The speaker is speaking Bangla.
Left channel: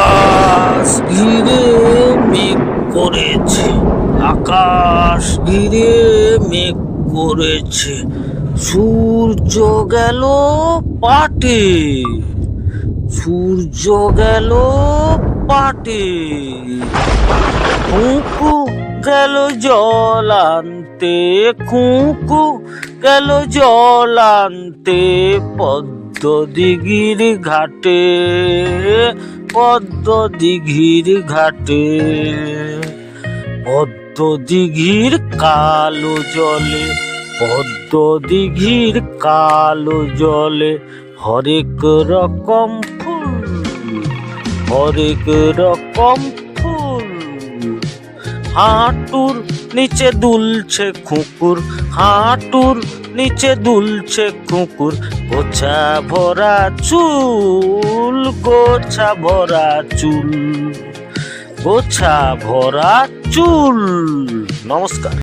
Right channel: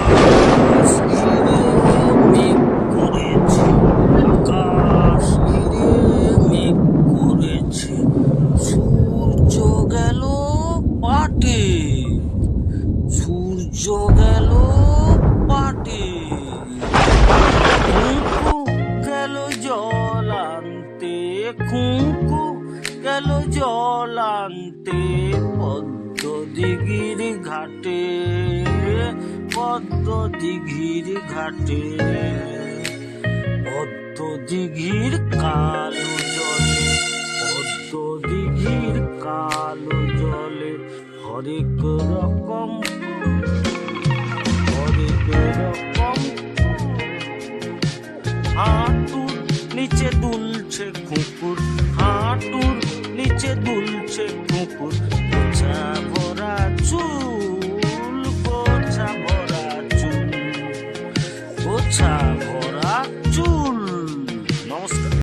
আকাশ ঘিরে মেঘ করেছে, আকাশ ঘিরে মেঘ করেছে, সূর্য গেল পাটে, সূর্য গেল পাটে, কুকু গেল জল আনতে, কুকু গেল জল আনতে, পদ্ম দিঘির ঘাটে, পদ্ম দিঘির ঘাটে, পদ্ম দিঘির কালো জলে, পদ্ম দিঘির কালো জলে হরেক রকম ফুল, হরেক রকম ফুল, হাঁটুর নিচে দুলছে কুকুর, হাঁটুর নিচে দুলছে কুকুর, গোছা ভরা চুল, গোছা ভরা চুল, গোছা ভরা চুল। নমস্কার।